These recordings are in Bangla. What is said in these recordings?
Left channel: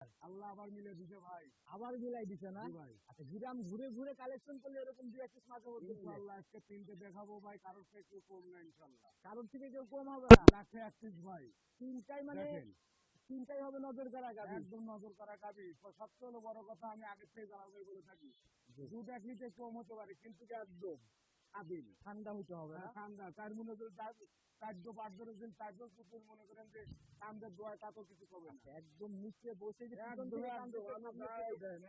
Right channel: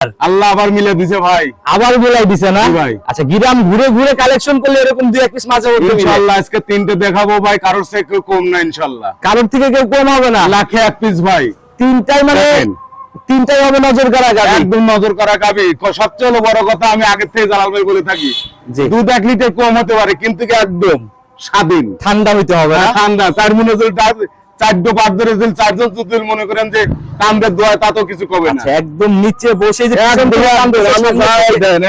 আল্লাহ আবার মিলে দিছে ভাই, আবার মিলাই দিছে না ভাই। আচ্ছা, গ্রাম ঘুরে ঘুরে কালেকশন করলে এরকম দুই এক পিস মাঝে মধ্যে ইনশাআল্লাহ আজকে তিনটে দেখাবো ভাই, কারোর থেকে কেউ কম না ইনশাআল্লাহ, কারোর থেকে কেউ কম হবে না। লাখে এক পিস ভাই, তিনটাই মানে দেখেন। তিনটাই হবে নজর করা গাবি, একদম নজর করা গাবি। সবচেয়ে হলো বড় কথা, আমি আগে থেকে জালাল ভাই বলে থাকি, জি। দুধ 1 লিটার কম হতে পারে কিন্তু কি একদম স্বাধীন, ঠান্ডা হইতে হবে না। ঠান্ডা। তার মনে যদি 4-5 ধরে যদি 4 জন যদি মনে করেন যে কামদের দোয়া, তা তো কিছু কবে না। আচ্ছা, একদম নিচে বসে যে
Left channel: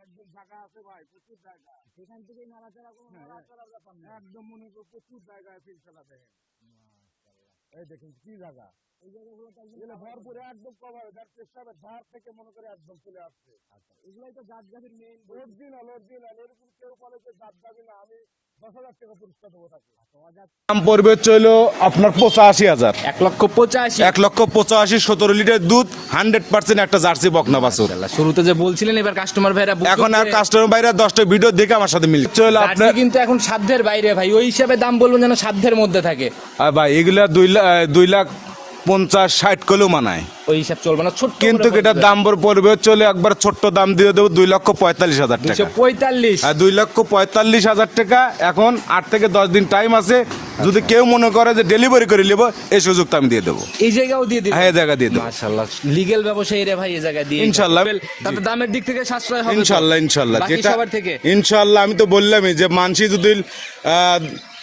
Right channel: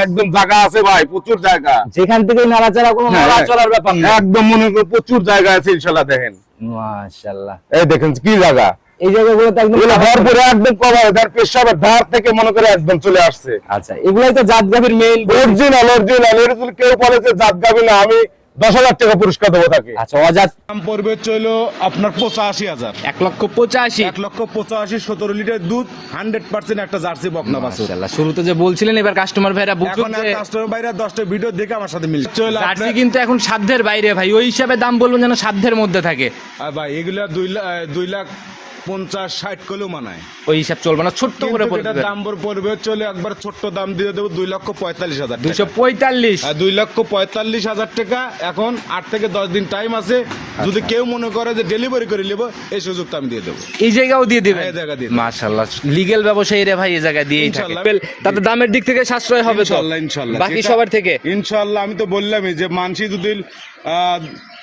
একদম জায়গা আছে ভাই, প্রচুর জায়গা, যেখান থেকে নাড়াচাড়া কোনো নড়াচড়ার ব্যাপার না, একদম মনে করেন প্রচুর জায়গা আছে ইনশাআল্লাহ। দেখেন মাশাআল্লাহ, এই দেখেন কি জায়গা, এই জায়গাগুলো তো একদম ভরপুর একদম কভার, তার পেশাবের ধার থেকে মনে করে একদম চলে আসছে। আচ্ছা, এগুলাই তো জাত গাভীর মেইন অরিজিনাল অরিজিনাল। এর যদি কেউ বলে যে জাত গাবি না, আমি 10,000 টাকা পুরস্কার দেবো তাকে। আচ্ছা, অজাত দাম পড়বে হচ্ছে হলো আপনার 85,000, 1,85,000। 1,85,000, 17 লিটার দুধ, 100% একটা জার্সি বকনা বাছুর। মাশাআল্লাহ, শুরুতে যে বলছিলেন এবার কাস্টমার ভাইরা বুক এখন আর কাস্টমার বাইরে 10টা ভিডিও দেখে আমার সাথে মিল চলো জার্সি আপনার। কিন্তু এখন সাধ্যের বাইরে ভাই, ওই হিসাবে দাম বলবেন যেন সাধ্যের মধ্যে থাকে, ভাই এগুলা 2,50,60 কলেও মানায়, ওই হিসাব চলবে না, ছোট্ট কিন্তু এটার দাম পড়বে চলে একবার ছোট্ট দাম দিয়ে দেবো 2,45,000 টাকা। 245। 2,45,000 টাকা। এখন 8 থেকে 10 দিন টাইম আছে, যদি কেউ মনে করে যে ডেলিভারি করে নেবো, এই সুযোগটা আমি দিয়ে দেবো। এই জায়গাও দিয়ে দিবেন? হ্যাঁ, এই জায়গা দিয়ে দেবো। মাশাআল্লাহ, লিগ্যাল ব্যবসায়ী রে ভাই, এই জায়গা দিয়ে ইনশাআল্লাহ। তাতে দামের দিক থেকে সাশ্রয় হবে তো? ইনশাআল্লাহ ইনশাআল্লাহ, বাকি যেটা- সবার থেকে ইনশাআল্লাহ। আমি তো বললামই যে মানসি যদি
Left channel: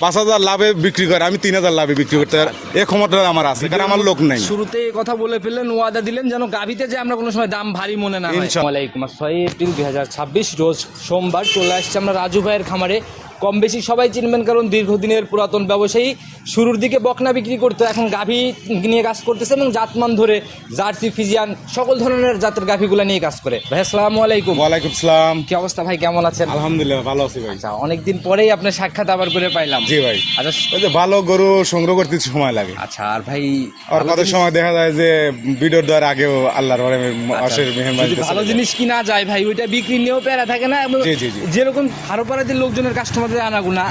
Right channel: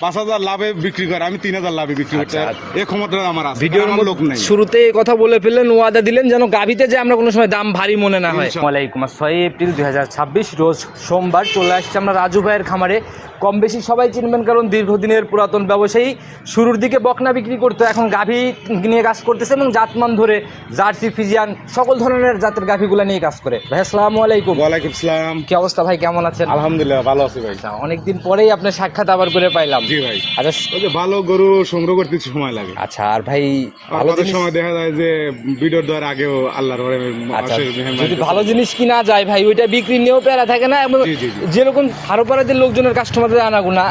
5,000 লাভে বিক্রি করে, আমি 3,000 লাভে বিক্রি করতে এই ক্ষমতা আমার আছে, কারণ আমার লোক নাই। শুরুতে এই কথা বলে ফেললেন, ওয়াদা দিলেন যেন গাভিতে যে আমরা কোনো সময় দাম ভারী মনে না হয়। ইনশাআল্লাহ। ওয়ালাইকুম আসসালাম। 6 এপ্রিল 2026 রোজ সোমবার চলে আসছে আমরা রাজু ভাইয়ের খামারে। কম বেশি সবাই চিনবেন, কারণ দীর্ঘদিনের পুরাতন ব্যবসায়ী। শুরুর দিকে বকনা বিক্রি করতো, এখন গাভী নিয়ে কাজ করতেছে এবং জাতমান ধরে জার্সি, ফিজিয়ান সকল ধরনের জাতের গাভীগুলো নিয়ে কাজ করে। ভাই আসসালামু আলাইকুম। ওয়ালাইকুম সালাম। কি অবস্থা ভাই, কেমন আছেন? আলহামদুলিল্লাহ ভালো আছি ভাই। আচ্ছা, অনেকদিন পরেই আপনার সাক্ষাৎ আবার করে পাইলাম। জি ভাই। আচ্ছা ওই যে ভালো গরু সংগ্রহ করতে সময় লাগে, আচ্ছা, আর ভাই আর ভালো কত জিনিস- সময় দেখা যায় যে ভিডিওর দ্বারা আগেও আল্লাহর আচ্ছা, যদি ভালো জিনিস কিনা যায় ভাই, ওইটা বিক্রি নিয়েও প্যারা থাকে না, এবং জি, জি, জি। যেরকম হারোপাড়াদের লোকজনের কাস্টমারদের আনাগুনা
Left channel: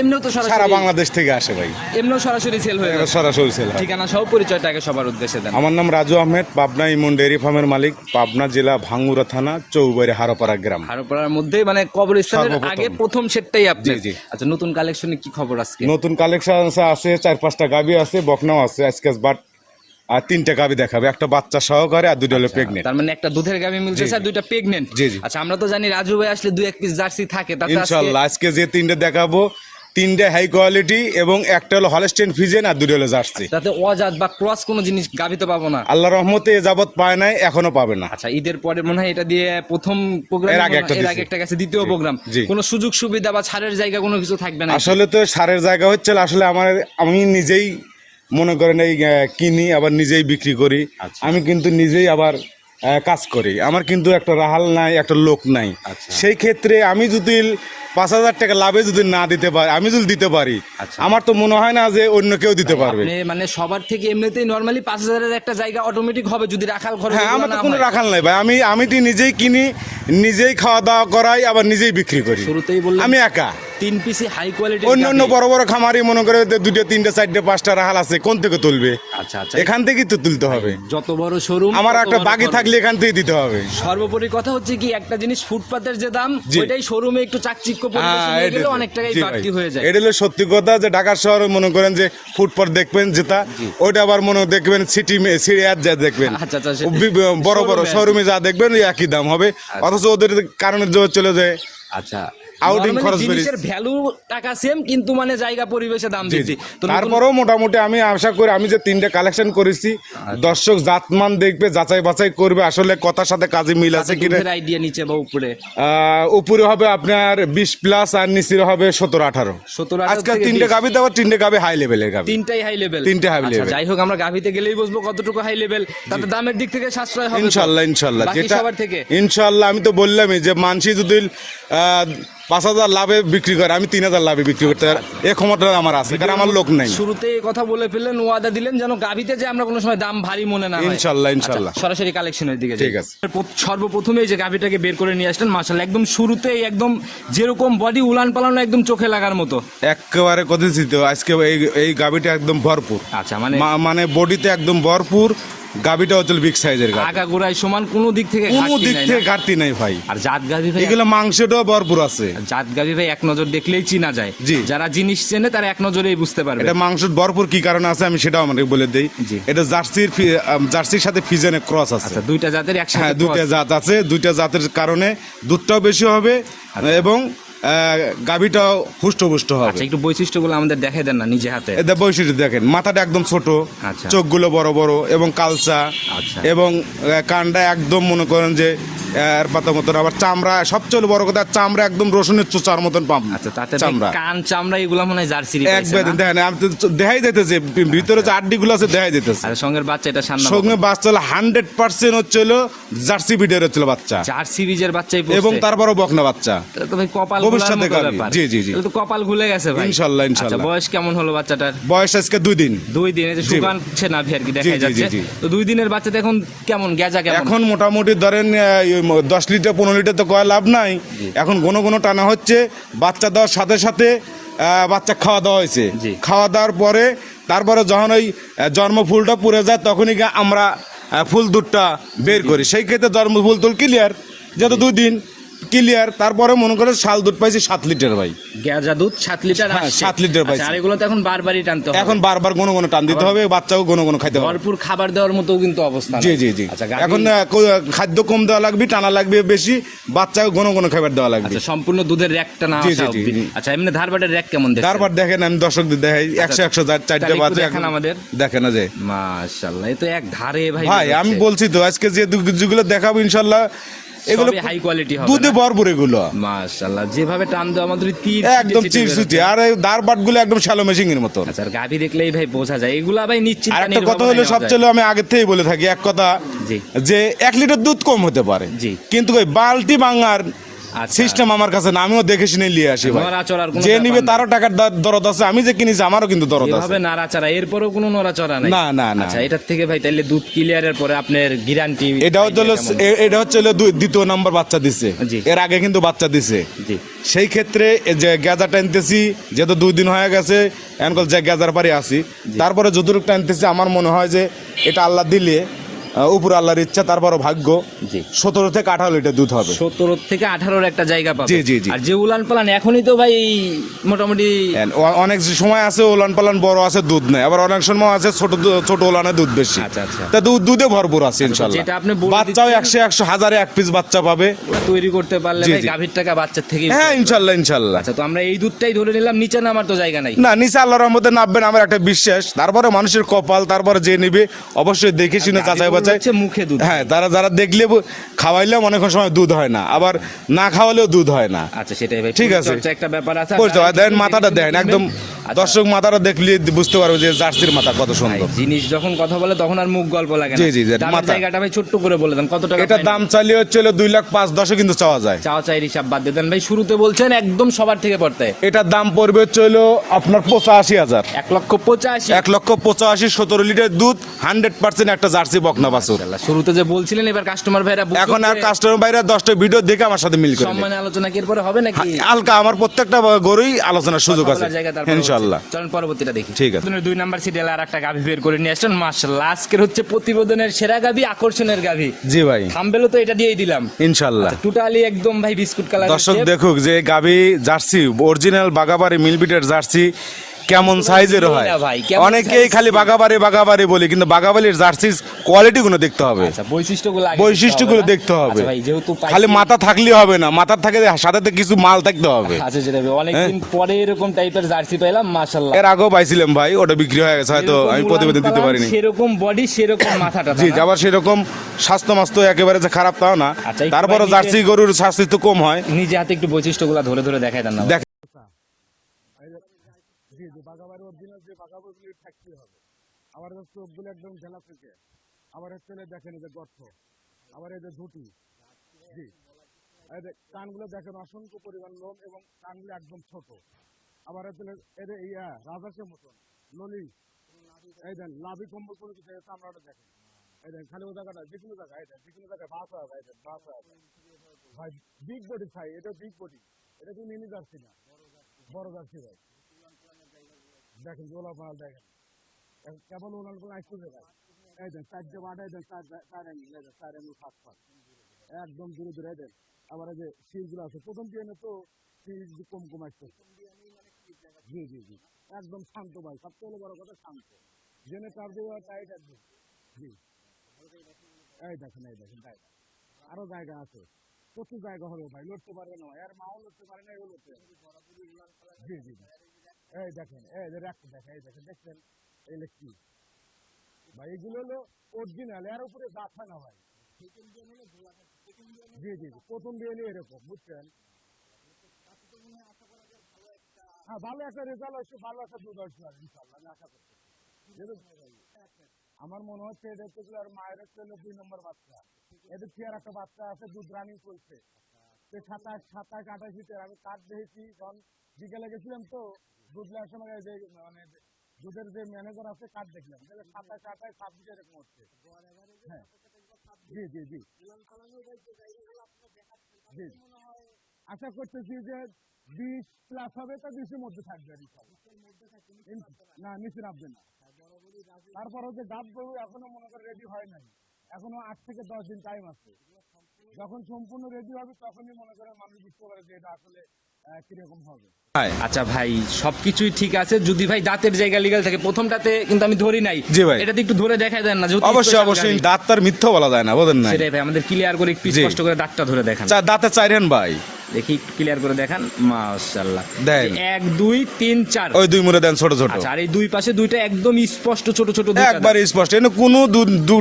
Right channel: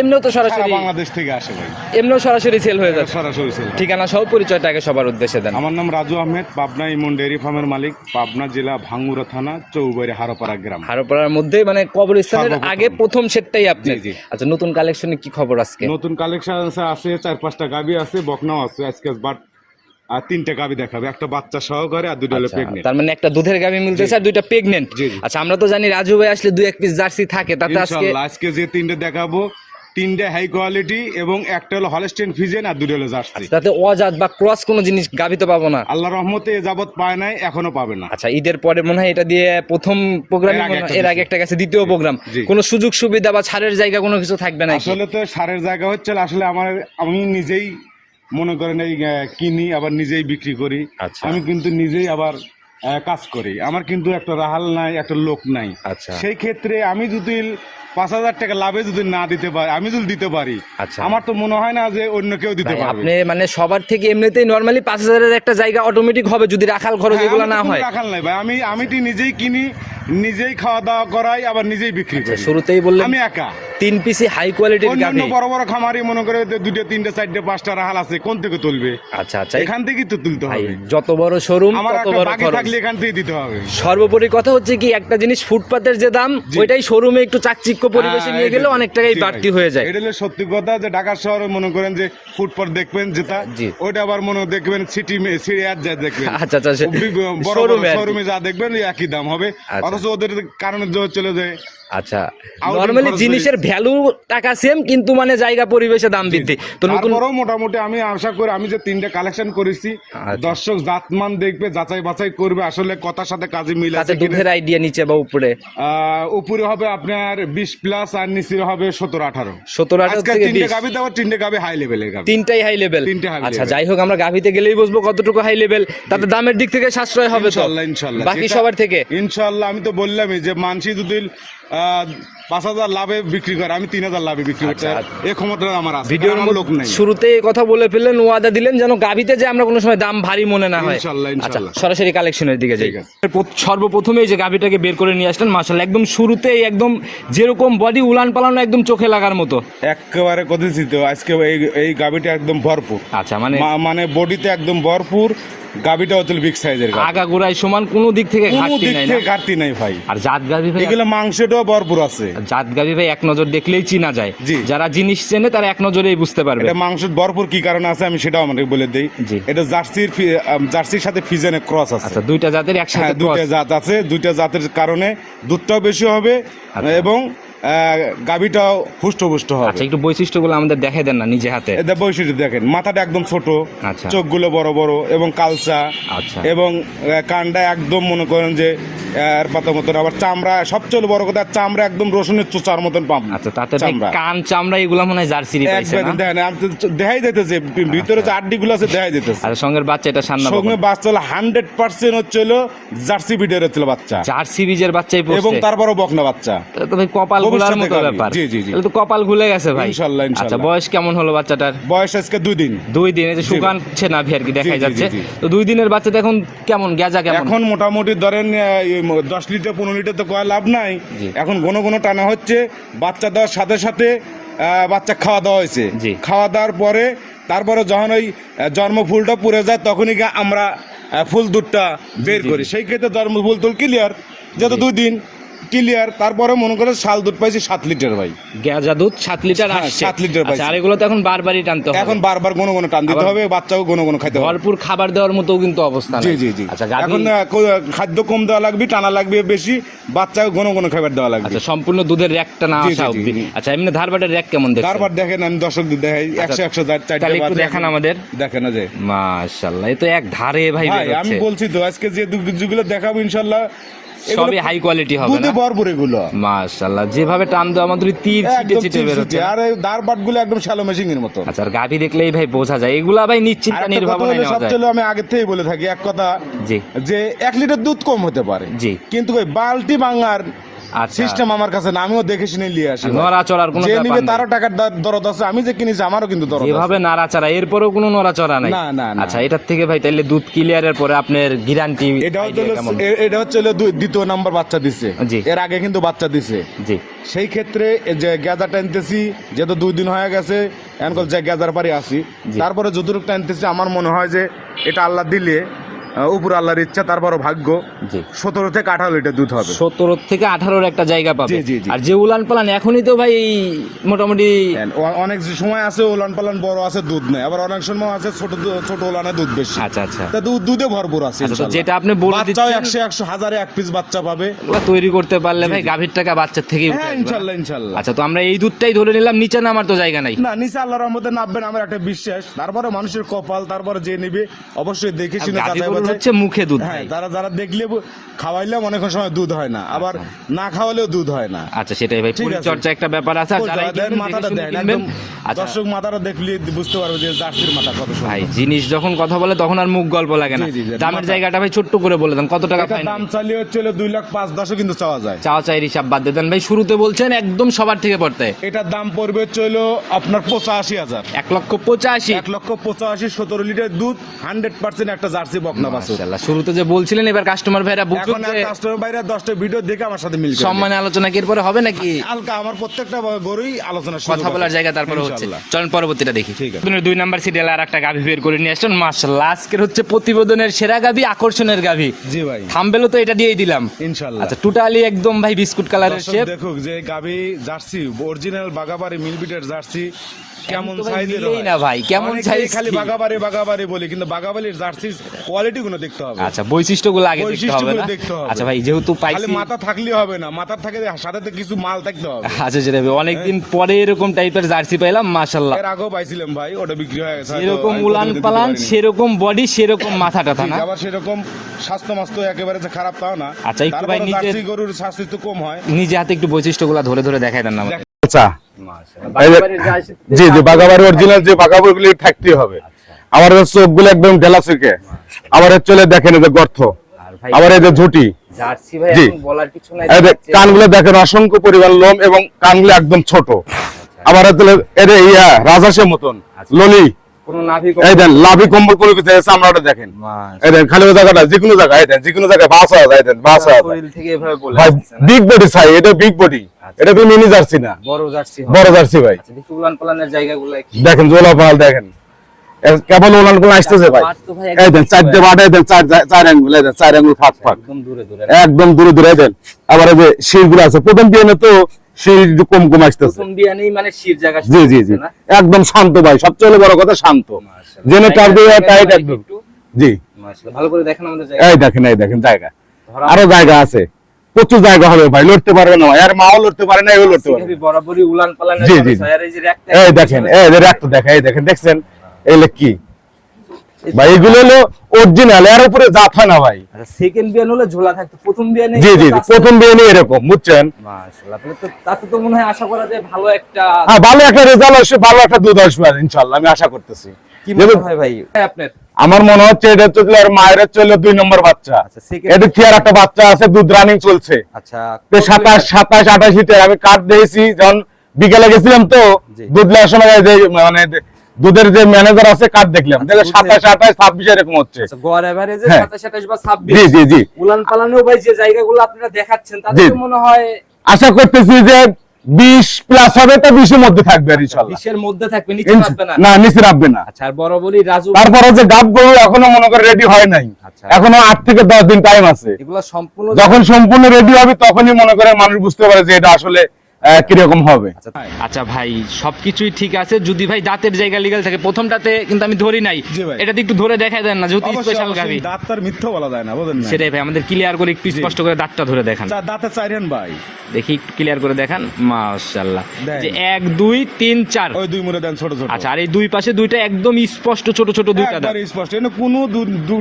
এমনিও তো সারা সরাসরি বাংলাদেশ থেকে আসে ভাই, এমনিও সরাসরি সেল হয়ে যায়। সরাসরি সেল হয়। ঠিকানা সহ পরিচয়টাকে সবার উদ্দেশ্যে দেন। আমার নাম রাজু আহমেদ, পাবনা ইমন ডেয়ারি ফার্মের মালিক, পাবনা জেলা ভাঙ্গুরা থানা, চৌবাড়ি হারোপাড়া গ্রাম। হারোপাড়ার মধ্যে মানে কবরস্থানের সর্বপ্রথম। আগে প্রথম সেটটাই আপনার। জি, জি। আচ্ছা, নতুন কালেকশনে কি খবর আজকে? নতুন কালেকশন আছে 4-5টা গাবি আছে, বকনাও আছে আজকে, বাট আর 3টা গাবি দেখাবে, একটা বাচ্চা সহকারে আর 2টা হলো আচ্ছা, প্রেগনেন্ট। তার মানে একটা দুধের গাভী মিলতেছে আর 2টা প্রেগনেন্ট। জি, জি। আচ্ছা, আমরা তো জানি রাজু ভাই আসলে 2-1 পিস জার্সি থাকে, তাতে আজকে ইনশাআল্লাহ আজকে যে 3টে দেখাবো, 3টে হাই কোয়ালিটি এবং একটা হলো হলস্টেইন ফ্রিজিয়ান আর 2টা হলো জার্সি। তাতে অজাত বা ক্রস কোনো জিনিস গাভীতে পাবো না। আল্লাহর রহমতে এ যাবত পায় নাই, এখনো পাবে না। আচ্ছা, ঈদের পরে মনে হয় এটা দিয়ে প্রথম প্রোগ্রাম, এর আগে একটা এর আগে দিছি। একটা গেছে দ্বিতীয় প্রোগ্রাম। জি। কোনো সুযোগ সুবিধা বা ছাড়ের জায়গা কোনো কিছু থাকবে না? আসলে তো সারের জায়গা হচ্ছে আসলে আমি নিজেই মনে করেন এই কিনি, আবার নিজেই বিক্রি করি। আচ্ছা। আমি কিন্তু নিজেই আবার কাজ করি, আমার কিন্তু একটা রাহাল নাই, একটা লোক নাই। আচ্ছা। সেই ক্ষেত্রে আমি যদি 5,000 টাকা লাভে যদি না দিতে পারি, আমি যদি দিতে পারি, আচ্ছা। আমার তো মনে হয় না যে অন্য কেউ দিতে পারবে। আপনি মানে সবার থেকে এমনিতেই নরমালি 5,000-এর একটা জায়গা অটোমেটিক হবে যদি রাখাল খরচ হ্যাঁ, এগুলো আমার না তো কোনো হয়। রাখাল নাই ভাই, আমি তো নিজেই কিনি, নিজেই খাওয়া দাওয়া করাই, আবার নিজেই বিক্রি করি। শুরুতেই বললাম আমি একা। 3 পিসি হাই কোয়ালিটির অন্য অন্য গাভী। বড় বড় খামারি মনে করে 2টা 3টা 4টা 5টা রাখাল আছে, কোন থেকে তুলবে? আচ্ছা আচ্ছা, এখান থেকেই তো তুলতে হবে। যত বড় শোরুম আমার একটা বাকি থাকলে এখান থেকে দিতে হবে। সর্বোপরি কথা হচ্ছে কি, একটা জিনিস ফুটপাতের যে দাম, জি। ওইটাই শোরুমে একটু চাকচিক্য পরিবেশে হ্যাঁ, নিয়ে গেলে এটা- অনেক টাকাই জি ভাই। বাড়তি হয়ে যায়। এটা হলো সত্যি কথা, যে ঢাকা শহরে মনে করেন যে ফুটপাত দেখবেন যেটা, জি। ওইটা আবার মনে দেখবেন সিটি যা দেখবেন, আচ্ছা, আচ্ছা, বড় বড় শোরুমে আর কি। শোরুমে যা দেখবেন ওই একই দাম হবে, অথচ ওদের কারণে জোর চলে যায়। আচ্ছা, Outing নরমালি খরচ জিনিসের ভ্যালু টাকা সেম, কিন্তু মানে জায়গা পরিবেশে দাম বৃদ্ধি। তো নতুন তারপরেও মোটামুটি আমি আশা করি, আমি যে 3টে কালেকশন করেছি, দর্শক জাতমান দেখবে, যাচাই বাছাই করবে আসলে কথার সাথে কাজে মিল আছে কিনা। দুধের আইডিয়া নিচে বা উপরে উপরে হবে আপনার 20+ আর নিচে হবে 17-18। 17-18 আজকে থেকে 3টে 20 গাভি দেবো, 3টে গাভি হাই লেভেলের গাভি। তিনটাই হাই লেভেল। তিনটে high আচ্ছা, level। যাই হোক, আমরা গাভিতে গেলেই বুঝবো কতটুকু হাই লেভেল, তাতে দামের দিক থেকে সাশ্রয় হবে তো? ইনশাআল্লাহ ইনশাআল্লাহ, বাকি যেটা- সবার থেকে ইনশাআল্লাহ। আমি তো বললামই যে মানসি যদি 5,000 লাভে বিক্রি করে, আমি 3,000 লাভে বিক্রি করতে এই ক্ষমতা আমার আছে, কারণ আমার লোক নাই। শুরুতে এই কথা বলে ফেললেন, ওয়াদা দিলেন যেন গাভিতে যে আমরা কোনো সময় দাম ভারী মনে না হয়। ইনশাআল্লাহ, আচ্ছা, ইনশাআল্লাহ। সরাসরি কালেকশনের দিকে যাই। ঠিক আছে। সর্বপ্রথমে যে গাভিটাকে বের করে নিয়ে আসলেন, মাশাআল্লাহ, একদম শুরুতেই একদম যেরকম বডি উলান পালানো, একদম চোখে লাগার মতো। একেবারে কথা ছিল আজকে এই গাভিটা একদম ভরপুর। আচ্ছা, মানে মানে বডিতে একদম ভরপুর, গাবিটা হচ্ছে বিগ সাইজের গাবি। আগাগোড়ায় সমান, কোনো দিক থেকে কোনো ঘাটতি দিক নাই না। থেকে ঘাটতি নাই ভাই। আর জাত গাভী ভাই, এগুলো মাংসটাও ভরপুর আছে। জাত গাভী ভাই এক নজর দেখলেই চিনা যায়। জি। যারা জিনিস চেনে তারা এক নজরেই বুঝতে পারবে। এটা মাংস ভরপুর কি কারণে আছে আমি সেটাও আমাকে বলে দেই। জি। এটা জার্সির সাথে ফিজনের ক্রস আছে। আচ্ছা, দুইটা জাতের একসাথে হ্যাঁ, দুইটা cross। জাত আছে, দুইটা জাতের কারণে দুধটাও বেশি হবে আচ্ছা। এবং গাবিটাও হুষ্টপুষ্ট হবে। আচ্ছা, একটু বৈশিষ্ট্যগুলো আমাদের দেখাই দেন না নিজে হাতে। এটা বৈশিষ্ট্য দেখেন, মাথাটা একদম ছোট, আচ্ছা। চোখগুলো বড় বড় এবং কালচা, আচ্ছা। এবং কানটা একদম মনে করেন যে এর পাতার মতন, আবার চামড়া সবচেয়ে বড় কথা, চামড়া একদম রসুনের চোচার মতন পাম। আচ্ছা, তাতে ভাই চামড়া কান চামড়া এগুলো মনে হয় জার্সিরই পাইছে একবার না? দেখেন, আমি তো দেখাই যেতেছে ভিতরে যে আড্ডিগুলো আছে দেখাই যেতেছে। আর সঙ্গের বাচ্চা এটা সান্না সঙ্গে বাচ্চা হলো 100% হচ্ছিল জার্সি বিটের হচ্ছিল বাচ্চা, জার্সি বীজের বাচ্চাই পড়ছে। এবং তারপরও বকনা বাচ্চা। তাহলে তো ভাই কপাল গুলার ভবিষ্যতে মতো গাভী। ব্যাপার। জি, জি, জি। তাহলে তো কপাল খুলে গেছে ভাই। ইনশাল্লাহ, ইনশাল্লাহ। আচ্ছা, বয়স কেমন হলো বাচ্চাটার? বয়স আজকে 2 দিন। 2 দিন, এই যে শুকানছে না আর কি দেখা জি, জি, যাচ্ছে। জি, জি। তো 2 দিনের বাচ্চাটা এখন কেমন, গেজা কেমন? এখন মোটামুটি ধরেন 10 লিটার 15 লিটার তো কয় লাভ নাই। এখন ঘন ঘন টানা হচ্ছে। বাচ্চা দেওয়ার সাথে সাথে বাচ্চা খাওয়া দাওয়া হয়েছে। জি। খাওয়া দাওয়ার পরে তারপরে যখন ওই জন্ম ফুলটা পুড়ে যায় তখনই গিয়ে আমরা ফুল দুধটা বের করি। সেই ক্ষেত্রে জন্ম ফুল তো ক্লিয়ার, যেহেতু 2 দিন ক্লিয়ার। তারপরে মনে করে শাল দুধ পাইছি 7 লিটার ভাই। গেজা দুধ 7 লিটার হ্যাঁ, আসছে। 7 লিটার আচ্ছা, পাইছি। আর এগুলো তো এখন বারবারই টানতে হবে। এখন বারবার ঘন ঘন টান দিতে আবার হবে, বাচ্চাও ঘন ঘন খাইতে হবে। ভরপুর খাবার দেওয়ার মতো কিন্তু অবস্থা নাই। জি, জি, জি। আচ্ছা, গাভী- এখন খাদ্য কম দেওয়া লাগবে, টানা লাগবে বেশি, বাচ্চাও ঘন ঘন খাবার দেওয়া লাগবে। আচ্ছা, সম্পূর্ণ দুধের র্যাকটা না জি, জি, আসা জি, অবধি। জি। আচ্ছা, এমনি ধারবাটের র্যাক কেমন দেখছেন? তারপর দেখেন, আমি দর্শকদের দেখাই, 100 তাহলে চারটে একটু বাচ্চা দেখান আমাদের। দেখেন না যে মাশাআল্লাহ, এই তো এক ধারে ভাই ভাই, বের আমি হচ্ছে। বলছি তো আজকে যে যেগুলো দেখাবো ইনশাল্লাহ এগুলো সবই হাই কোয়ালিটি হবে দুধে না? ভরপুর এগুলো, মাশাআল্লাহ, যেভাবে টান দেওয়া আমাদের তীর একদম ছিটে ছিটে বের চিরচিটে। হচ্ছে। আর এই দাঁড় বাটগুলো একদম শ্যালো মেশিং এর মতো। আচ্ছা, আর গাভী দেখলেই ভাই বোঝা যায় এগুলা ভাই নিশ্চিত আর একটা কথা হলো, সবচেয়ে আমি আগে থেকেই বলে থাকি এক কথা, জি। যে 1 লিটার দুধ কম হতে পারে, জি। কিন্তু ওই বালতি ভাঙার আচ্ছা। সিস্টেম আমার কাছে না, আমিও দেখে শুনে নিয়ে আসি। নড়াচড়ার কোনো যে ব্যাপার নিবে নাই। তারও টাকার দরদ আছে, আমি যে কিনেছি আমারও কিন্তু দরদ আছে। এভাবে নাড়াচাড়া, এরপরেও কোনো নড়াচড়া নাই? না, না, না। আচ্ছা, এটার থেকে ভাই তাহলে দুধ ক্লিয়ারের পরে আপনার গ্যারান্টি? এটা হচ্ছে দ্বিতীয় নাম্বার বাচ্চা দিছে, জি। এর আগে কিন্তু বাচ্চা দিছে। জি। সেই ক্ষেত্রে এই যে গেজা টানতেছি, যেহেতু 2 দিন হয়ে গেছে, এখন যে গেজার পারি আসি, তারপরে যতটুকু টানতেছি আমার মনে হয় যে এটা আল্লাহ দিলে, উপর আল্লাহর ইচ্ছা, তারপরও ভাগ্য, জি। 17 থেকে 18 লিটার দুধ হবে। 17 থেকে 18 একটা জায়গা পাবে। জি, জি, জি। আর যে উলান পালান এখনই তো ভাই মোটামুটি অনেক সময় আছে ওলান পালান বড় আছে, দুধ নেই, আবার অনেক সময় আছে ছোট ওলানে দুধ বেশি। আচ্ছা, আচ্ছা। তা দুধে ভরপুর আছে তো ইনশাআল্লাহ। যেটা আপনি বলে বাচ্চাও দিচ্ছেন- 100 হাজারে 1 পিস বাচ্চা পাবে। ওগুলা তৈরি করতে পারলে জি, ভাই জি। গাভীর টাকা বাচ্চার থেকে হ্যাঁ, ইনশাআল্লাহ, ইনশাআল্লাহ। আচ্ছা, তো আমরা এই দুধটাই ধরে নিলাম, নিচে নামার তো জায়গা নাই। না, নিচে আল্লাহর রহমতে নামবেন আমার একটা বিশ্বাস। তারপরে মানুষের কপাল, তারপরে যে নিবে অবশ্যই দেখে শুনে যাচাই গাভীগুলো বাছাই। হচ্ছে মুখে দুধ। হ্যাঁ, যারা দেখলে খাওয়াইলেও অনেক সময় দুধ হয় না, আবার না খাওয়ালেও দুধ হয় না। আচ্ছা, সেটাই ভাই, ঠিক আছে। পরিচর্যা একটা ব্যাপার আছে। আর পরিচর্যা যারা দেন, কিনবেন, মাথাটা দেন, কিনবেন। একদম আচ্ছা, দর্শক মাথাটা দেখলে বুঝতে পারবে যে জার্সির মাথা কত ভাই সুন্দর। জিনিস যখন কথা বলে তখন আর মুখ গল্প লাগে না। জি, জি, জি, দামের মাথা। জায়গাটা ভাই ছোট্ট করে বলে দেন, কত টাকা এটা final? দাম চালিয়ে হচ্ছে 2,05,10 কিন্তু চাওয়া যায়। চাওয়া চাই হিসাব বাদ দিয়ে দেন ভাই, শুরুতে বলছেন একদম সবার থেকে পড়তে এটার দাম পড়বে হচ্ছে আপনার 85,000। 1,85,000। 1,85,000, 17 লিটার দুধ, 100% একটা জার্সি বকনা বাছুর। মাশাআল্লাহ, শুরুতে যে বলছিলেন এবার কাস্টমার ভাইরা বুঝুক এখন আর যে কাস্টমার বাইরে 10টা ভিডিও দেখে আমার সাথে মিল করে নেবে। সম্মানে আলোচনা কি এরপরে হবে নাকি? হালকা আমার প্রত্যেকটা গরুই আলোচনার সুযোগ কথা আছে বলার জায়গা তারপরে ইনশাআল্লাহ। হচ্ছে। চলেন পরবর্তীটা দেখি। ঠিক আছে। 2 নাম্বার সিরিয়ালে আর একটা গাভী বের করে নিয়ে আসছেন। মাশাআল্লাহ, আজকের হচ্ছে প্রতিবেদনের সেরা গাভী, আকর্ষণের গাভী। জি ভাই, থাম্বেলও তো এটা দিয়েই দিলাম ইনশাআল্লাহ। আচ্ছা, টোটালি একদম ভাই বিস্কুট কালারের দর্শক শেপ। দেখুক যে গাভী জার্সি অরিজিনাল বাগাবাড়ি মিলবিটের জার্সি কেমন কিন্তু ভাই সাইজের মিলেই হয়। না ভাই, কেমন অনেকেই size খালি কি? বাগাবাড়ি বলি, কিন্তু বাগাবাড়ির জার্সির কোয়ালিটি গুলো দেখতে হবে। আচ্ছা, বৈশিষ্ট্যগুলো আগে বৈশিষ্ট্যগুলো দেখতে হবে। আচ্ছা ভাই, যেহেতু পাইছি- খালি মাথা থাকলেই হবে না, মাথার থাকে সাথে কিছু মাল থাকতে হবে। আচ্ছা, যেটা অনেকদিন পরে এরকম টাইপের জার্সি পেলাম, মাশাআল্লাহ। এর আগেও পাইছিলাম ভাই, ওটা বিক্রি হয়ে গেছে, হয়তো এরকম আমি উলান প্রতিবেদন দিতে পালান, পারিনি। সেরকম বডি, সেরকম মাথাটা জি, আবার সেরকম স্বাস্থ্য মাস্ত একেবারে যে খারাপ তাও না, আচ্ছা, একটু তারপরে ভাই নিজের- জার্সি গরুর স্বাস্থ্য তো কম হয়। নিজে হাতে একটু বৈশিষ্ট্যগুলো ধরে ধরে দেখাই দেন না আমাদের। দেখ আচ্ছা, মাশাআল্লাহ, এই যে- বাগাবাড়ির জার্সি- জি জি, বাগাবাড়ি অরিজিনাল যে বাগাবাড়িগুলি থাকতেই হবে। আমার চোখগুলো একদম ঢেলা চোখে, আবার চলে দেখেন এই যে গর্ত, আর ভাই আবার এই যে ঝুটি, জার্সি ভাই জি। এখন বলার কিছু নাই। এই যে কানগুলো দেখেন অসংখ্য পরিমাণ লোম এবং কানগুলো একদম ছোট, আবার এটা ইয়া রাজহাঁসের মতন ললি, কোনো নাভি এই দেন লাভি কম্বল কোনো কিছু আছে, চামড়াটা দেখেন, এই দেন খালি ওই জায়গাটা যে কোনো জায়গায়, এই দেন যে কোনো জায়গায় বাস হয়, এই দেন বাস হয় শরীর থেকে এভাবে বলে ভাই, আসছে না। বিগ বডি চাই, এটা বিগ বডি, এটা তো মিনি জার্সি না, বড় জার্সি হবে। বড় জার্সি ভাই। আচ্ছা, দেখি উলান পালানের জায়গাগুলো একটু। দেখেন জোলা পাল দেখেন, কেবল ওলান গুলো আসতেছে ভাই। বাট তো ভাই এই দেন চারটে বাটে দেন, চার আঙ্গুল, এই দেন চার আঙ্গুল ফাঁক ফাঁক, একদম দূরে দূরে। একদম দূরে দূরে দেন। আবার এই যে শিরগুলো আছে, প্রথম বিয়ানে তো শির একটু কম কম আসতেছে। প্রথম বিয়ানেই মানে শির জায়গা জি জি জি, না? একদম শান্ত ভাই, সবচেয়ে বড় কথা শান্ত। মাশাআল্লাহ। যেন টাইট জায়গা একদম। একটু, জি মাশাআল্লাহ, ভালো করে দেখেন আমাদের জায়গা। এই দেখেন, এই দেখেন জায়গা, ধরা আরো জায়গা আছে, প্রচুর জায়গা হবে ভাই, লড়তে পারবে না ভাই, আর মাও লড়তে পারে না, এও লড়তে পারবে না। বরাবরই উলান পালানের জি, জি, জি। আর এই যে একটা এই দেখেন, এই যে একটা দেখা, এই দেখেন, দেখছেন এগুলো কি ভাই, এগুলো হলো অরিজিনাল, এর উপরে জাত হয় না ভাই। আচ্ছা, সেকেন্ড বিয়ান হলে ঝোলা থাকতো, প্রথম বিয়ানে জি জি জি, প্রথম বিয়ানে এরকম, বুঝছেন? মাশাআল্লাহ, তাহলে তো তাতে তো মনে হয় আশা করা যায় ভালো একটা, হ্যাঁ, ভালো একটা রেজাল্ট আসবে, ভালো একটা দুধ আসবে ইনশাআল্লাহ, আমি আশা করতেছি। কি মনে হয় ভাই আপনার? আমার মনে হচ্ছে এটা চলে আর মায়ের চলে 2 নম্বর বাচ্চা, আচ্ছা, second- এটা কি আর একটা বাচ্চা আছে, দুধ রানিং চলছে। আচ্ছা, তো 27 28 লিটার আমি কাট দিয়েছি, যখন বিকেলে গেছিলাম তো জি। দুধ নেওয়ার সময় যে মানে দুধের যে ম্যানেজার আছে কাট দেখলাম, দেখে 27 28 26 এরকম হচ্ছে। আচ্ছা, গড় এভারেজে হ্যাঁ। 27 28 বা 26। জি জি জি, উলান পালানেও ভাই যে জায়গাগুলো আপনারা দেখাচ্ছেন তাতে জি। তো মনে হয় আশা করতেছি যে 20 প্লাস হবে, তো 20 এর মধ্যে থাকবে আর ইনশাআল্লাহ। 20 এর মধ্যে থাকবে, নিচে থাকবে না। না, নিচে রাখবে না। আচ্ছা, আর বরাবরই রাজু তারপরে যে গাব গরু এখনো মনে করে রেডি হয় নাই, আচ্ছা। এখনো 8 থেকে 10 দিন টাইম আছে। এগুলো সম্পূর্ণ যখন সম্পূর্ণ রেডি হবে তখনই মনে করে মানুষ বুঝতে পারে যে এটা আসলে কিরকম হবে। আচ্ছা ভাই, সবকিছুই ঠিক আছে, যদি ভাই দাঁতের জায়গা লিগ্যাল থাকে। প্রথমটাতে কিন্তু আমি ধরি নাই, জি ভাই। এটাতে একটু ধরে দেখাই দেন না, যেহেতু অবশ্যই special অবশ্যই, গাভী। দাঁত তার মিথ্যা বলা যায় না, বুঝেন না? সেটাই ভাই, আমাদের ক্লিয়ার করে একটু জি। স্পষ্ট করে দাঁতটা ধরে দেখান। দাঁতে চাইরেন ভাই, দেখি একটু ক্লিয়ার করে দেখান। মাশাআল্লাহ, দেন। 1 2 3 4। ওই 2 মুড়ে দেন ছোট ছোট, আচ্ছা, আর এই দুই পাশে দুইটা একদম স্পষ্ট ছোট ছোট দুইটা দাঁত। একবার স্পষ্ট, এনে কোনো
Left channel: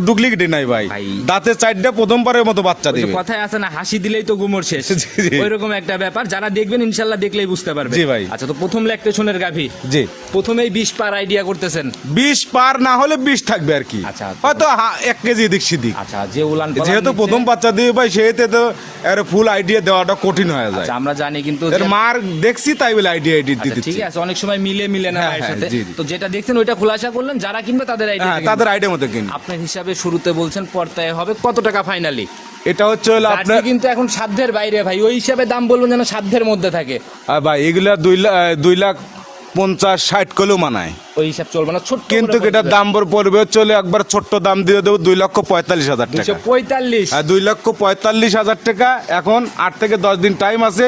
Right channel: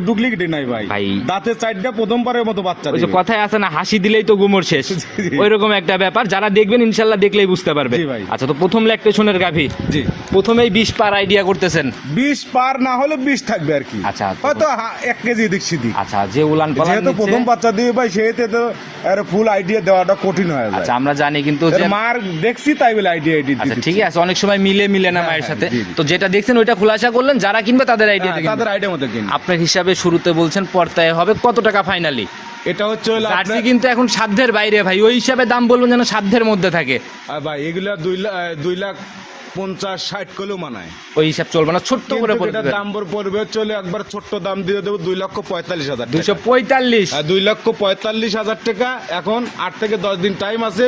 ডুপ্লিকেট নাই ভাই। ভাই। দাঁতে চারটা প্রথমবারের মতো বাচ্চা ওই যে দিবে। কথায় আছে না, হাসি দিলেই তো গুমর শেষ, জি, জি। ওইরকম একটা ব্যাপার। যারা দেখবেন ইনশাল্লাহ দেখলেই বুঝতে পারবে। জি ভাই। আচ্ছা, তো প্রথম ল্যাকটেশনের গাভী, জি, প্রথমেই 20 পার আইডিয়া করতেছেন। 20 পার না হলে 20 থাকবে আর কি। আচ্ছা। হয়তো 1 কেজি এদিক সেদিক। আচ্ছা, যে উলান পালান যেহেতু নিচ্ছে- প্রথম বাচ্চা দিবে ভাই, সেহেতু তো এর ফুল আইডিয়া দেওয়াটা কঠিন হয়ে যায়। আচ্ছা, আমরা জানি কিন্তু এর যে- মার দেখছি তাই বলে আইডিয়া আচ্ছা, ঠিক আছে, অনেক সময় মিলে না হ্যাঁ, মায়ের হ্যাঁ, সাথে। জি, জি। তো যেটা দেখছেন ওইটা খোলাসা করলেন, যারা কিনবে তাদের আইডিয়া তাদের আইডিয়া মতো কিন। আপনার হিসাবে শুরুতে বলছেন পর্তায় হবে কত টাকা ফাইনালি? এটা হচ্ছে হলো জার্সি আপনার কিন্তু এখন সাধ্যের বাইরে ভাই, ওই হিসাবে দাম বলবেন যেন সাধ্যের মধ্যে থাকে। ভাই, এগুলা 2 লাখ 50 60 কিলো মানায়, ওই হিসাব চলবে না, ছোট্ট কিন্তু করে এটার দাম পড়বে চলে একবার ছোট্ট দাম দিয়ে দেবো 2,45,000 টাকা। 245। 2,45,000 টাকা। এখন 8 থেকে 10 দিন টাইম আছে,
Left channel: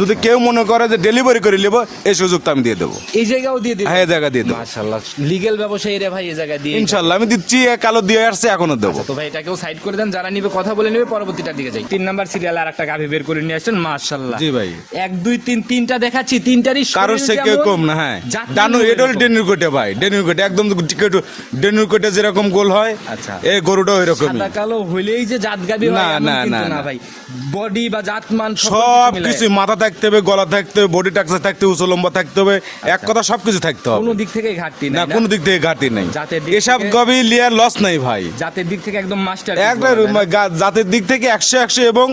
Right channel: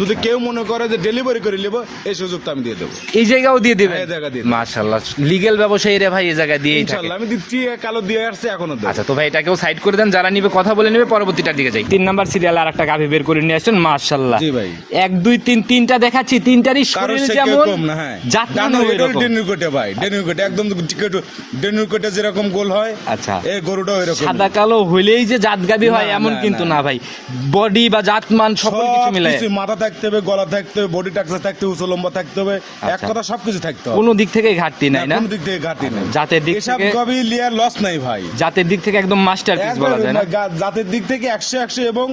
যদি কেউ মনে করে যে ডেলিভারি করে নেবো, এই সুযোগটা আমি দিয়ে দেবো। এই জায়গাও দিয়ে দিবেন? হ্যাঁ, এই জায়গা দিয়ে দেবো। মাশাআল্লাহ, লিগ্যাল ব্যবসায়ীরা ভাই এই জায়গা দিয়ে ইনশাল্লাহ আমি দিচ্ছি, কালো দিয়ে আসছে, এখনো দেবো। আচ্ছা, তো ভাই এটাকেও সাইড করে দেন, যারা নিবে কথা বলে নেবে, পরবর্তীটার দিকে যাই। 3 নাম্বার সিরিয়াল আর একটা গাভী বের করে নিয়ে আসছেন, মাশাআল্লাহ। জি ভাই। 1 2 3 তিনটা দেখাচ্ছি, তিনটারই কারোর শরীর সে কেউ যেমন, কম না। হ্যাঁ, জাতমানও এটা এরকম। ডেনুর কোটে ভাই, ডেনুর কোটে একদম ডেনুর কোটে যেরকম গোল হয়, আচ্ছা। এই গরুটাও এরকম। সাদা কালো হইলেই যে জাত গাভী হয় না, এমন না, কিন্তু না, না না। ভাই, বডি বা জাতমান সকল কিছু সব মিলে কিছু, মাথা থাকতে হবে, গলা থাকতে হবে, বডি টাকসা থাকতে হবে, উঁচু লম্বা থাকতে হবে, এক কথা সবকিছু থাকতে হবে। কোনো দিক থেকে ঘাটতি না, নাই না, কোনো দিক থেকে ঘাটতি নেই। জাতের দিক এসব থেকে- গবি লিয়ার লস নাই ভাই, জাতের দিক থেকে একদম মাস্টার একবার জাতের দিক থেকে 100 এবং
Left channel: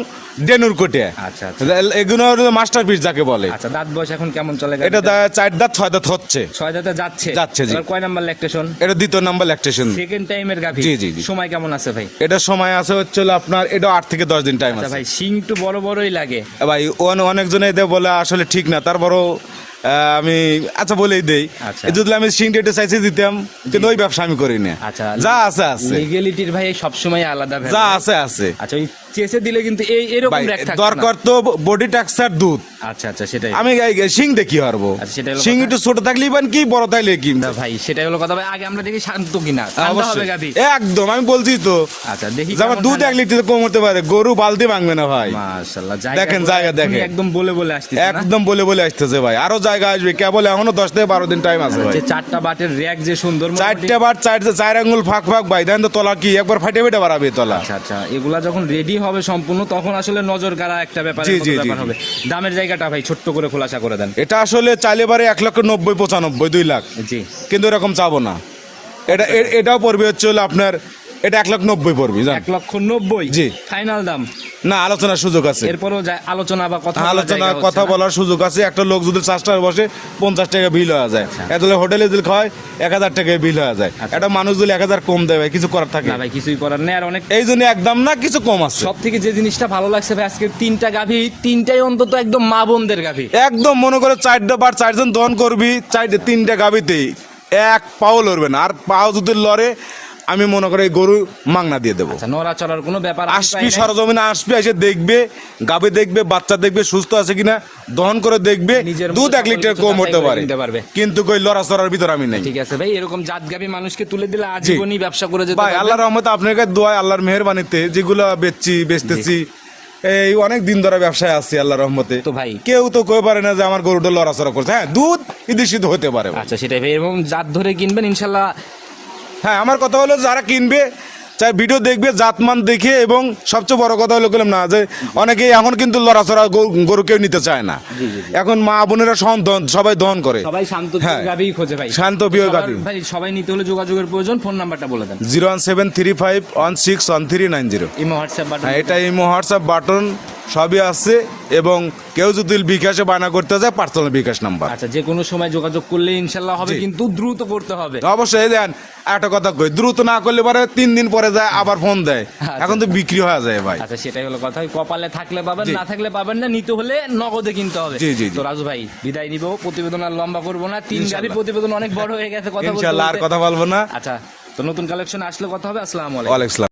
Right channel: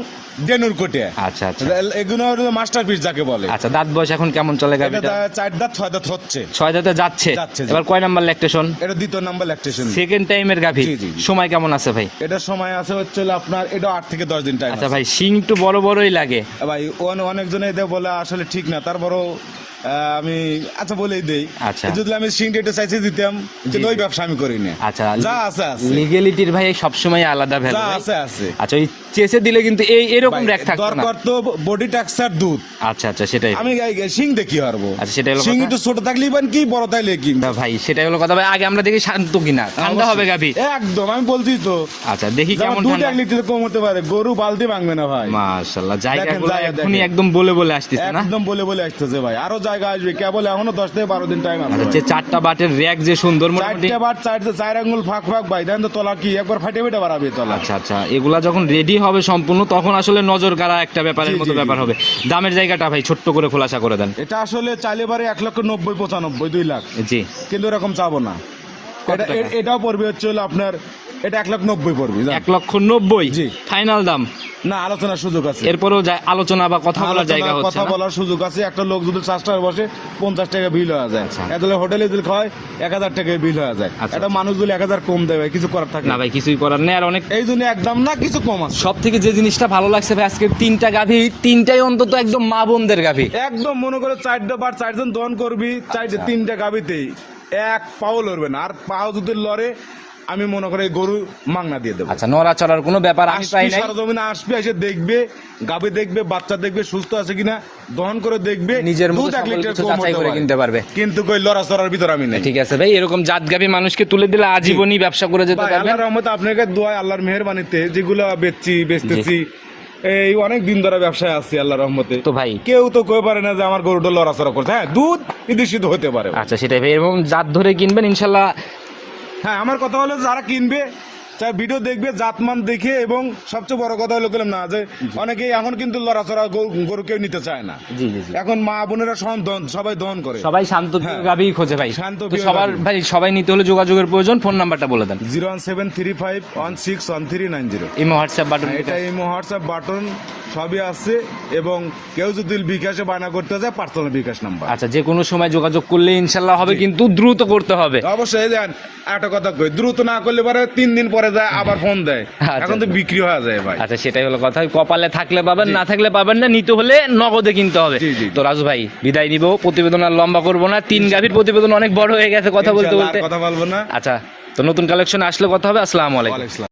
ডেনুর কোটে। আচ্ছা, আচ্ছা। এগুলো মাস্টারপিস যাকে বলে। আচ্ছা, দাঁত বয়স এখন কেমন চলে এটা গাভীটা? 4 দাঁত 6 দাঁত হচ্ছে। 6 দাঁতে যাচ্ছে। যাচ্ছে, জি। এবার কয় নাম্বার ল্যাকটেশন? এটা 2য় নাম্বার ল্যাকটেশন। সেকেন্ড টাইমের গাভী। জি, জি, জি। সময় কেমন আছে ভাই? এটা সময় আছে হচ্ছে হলো আপনার, এটা 8 থেকে 10 দিন টাইম আচ্ছা আছে ভাই, সিং একটু বড় বড়ই লাগে। ভাই। অনেকজনে এদের বলে আসলে ঠিক না, তারপরও আমি আচ্ছা বলেই দেই। আচ্ছা। যদি আমি সিং ডেটে চাইছি দিতাম, কিন্তু ওই ব্যবসা আমি করি না। আচ্ছা, যা আছে আছে, লিগ্যালিটির ভাই সবসময় আলাদা ভ্যালু। যা আছে আছে। আচ্ছা, ওই চেসে দিলে কিন্তু এরকম ভাই, র‍্যাক থাকবে না। দরকার তো বডি টাক্সার দুধ। আচ্ছা, আচ্ছা, সেটাই। আমি সিং দেখি পারবো। আচ্ছা, সেটাই হলো সিং কথা। একটু ছোট থাকলেই বান কি, বড় থাকলে কি। না ভাই, সেটাই হলো কথা ভাই, আগে আমরা দেখি শান্ত কিনা, ঠান্ডা হবে গাভী। একদম, আমি বলছি তো। আচ্ছা, দেখি যেমন কেমন দুধ ঠান্ডা। 1 লিটার কম হতে পারে, গরু বালতি ভাঙবে না ভাই। মাশাআল্লাহ, দেখেন, জায়গা জায়গা দেখেন। একদম বলে বলে আসতেছে না? একদম বলে আসতেছে ভাই, আরো জায়গা আসবে, কেবল এখনো 10 থেকে 12 দিন টাইম আছে ভাই। যে 4টা বাটের র‍্যাক যে সুন্দর, মোটামুটি। 4টা বার 4 আঙ্গুল ফাঁক ফাঁক ভাই, দেখেন তো তলা কি একবার ফাটে ফেটে বাড়াবে তলা। আচ্ছা, আচ্ছা, এগুলা যখন রেডি হবে সম্পূর্ণ, তখন আসলে নজর কাড়া একটা ব্যাপারের জি, মতো জি, জি, ব্যাপার জি। হবে। দামের জায়গাটা ভাই ছোট্ট করে খোলাসা করে দেন। এটা আসলে চাইলে পারে 1,90,000 95 2 লাখ, জি। কিন্তু এরকম চাবো না। এটা টাকা? এটাও পড়বে হচ্ছে হলো আপনার, এটা 1,90,000 পড়বে, জান। 1,90,000 জি। ফাইনাল দাম? না, আলোচনার সুযোগ আছে। এরপরও আলোচনা বা কথা বলার জায়গা আলোচনা হচ্ছে কথা না? বলার সুযোগ আছে। একটা লোক যদি 4 টাকা বসে 50 টাকা বিল হয়ে যায়, আচ্ছা। এতলে হোটেলে যদি খায় 1,000 টাকা বিল হয়ে যায়। আচ্ছা। একটা মানুষ যদি 1,000 কম দেয় ভাই, কিছু করার থাকে না ভাই, কিছুই করার নেই। আর অনেক, এই জন্য একদম না, কিছু কম আছে। সব থেকে যে জিনিসটা ভালো লাগছে ভাই, আজকে 3টা গাভী, 3টাই অন্তত একদম মা বোনদের গাভী। একদম মনে করে 4টা বার 4 জন দহন করবি, 3টা গাবিতেই এক পাও লড়বে না, আর পাও যদি লড়ে আমি মনে করি এই গরু মাংনা দিয়ে দেবো। আচ্ছা, নড়া চড়ার কোনো ব্যাপার আমি পাই আসবি নাই। সরজমিনে আসবি, এসে দেখবে গাবে, দেখবে বাচ্চা, দেখবে সুস্থ আছে কিনা, দহন করে দেখবে, নিজের মতো দুধ 1 সকল লিটার কিছু কম যাচাই হতে করে কিনতে পারে, পারবে। কিন্তু কই লড়াচড়ার ভিতর আমি নেই। ঠিক আছে ভাই, এরকম জাত গাভী মানুষকে তুলে দিলে আজীবনই ব্যবসা করে যেতে ভাই পারবে। আল্লাহর রহমতে আপনাকে দোয়া, আল্লাহর মেহেরবানিতে যেগুলো বেচতেছি এই অনেক দিন ধরে ব্যবসায় আছি আল্লাহর রহমতে। তো ভাই কেউ তো কই পারে না যে আমার গরুটা লড়াচড়া করছে। হ্যাঁ, দুধ ইদিশিত হতে পারে। আচ্ছা, সেটাই ভাই, এরকম জাত ধরে কিনবেন ইনশাল্লাহ। হ্যাঁ, আমার কথা হলো যারা কিনবে চাই ভিডিও দেখবে জাতমান দেখে, এবং সবচেয়ে বড় কথা হলো বললাম না যে অনেকেই এখন কিন্তু লড়াচড়া গরু কেউ নিতে চায় না। এখন মা বোনেরা সবাই দহন করে, সবাই শান্ত হ্যাঁ। গাভী খোঁজে ভাই। শান্ত প্রিয় সবার গাভী। ভাই সবাই নিতে হলে যোগাযোগের প্রয়োজন। ফোন নাম্বারটা বলে দেন। 01735161390। Imo WhatsApp button. হ্যাঁ, এটা ইমো হোয়াটসঅ্যাপ বাটন সবই আছে, এবং কেউ যদি বিকাশে বায়না করতে যায় পার্সোনাল বিকাশ নাম্বার। আচ্ছা, যে কোনো সময় যোগাযোগ করলে ইনশাল্লাহ হবে, জি। কিন্তু দ্রুত করতে হবে। অবশ্যই দেন, একটা কথা কই, দ্রুত না করলে পরে 3 দিন পরে যায় আবার ফোন দেয়, আচ্ছা। এখন তো বিক্রি হয়ে যায় ভাই। আচ্ছা, সেটাই হলো কথা। কপালে থাকলে পাবেন, জি। না থাকলে পাবেন না। নিতে হলে নগদে কিনতে হবে। জি, জি, জি। তো রাজু ভাই বিদায় নিব, প্রতিবেদন আর লম্বা করবো না। 3 গাভীর প্রতিবেদন অনেক বড় হয়ে গেছে কথা বলতে ইনশাআল্লাহ আর বলতে। কথা বলবো না। আচ্ছা, তো নতুন কালেকশন আসলে কথা হবে। আসসালামু আলাইকুম। ওয়ালাইকুম আসসালাম।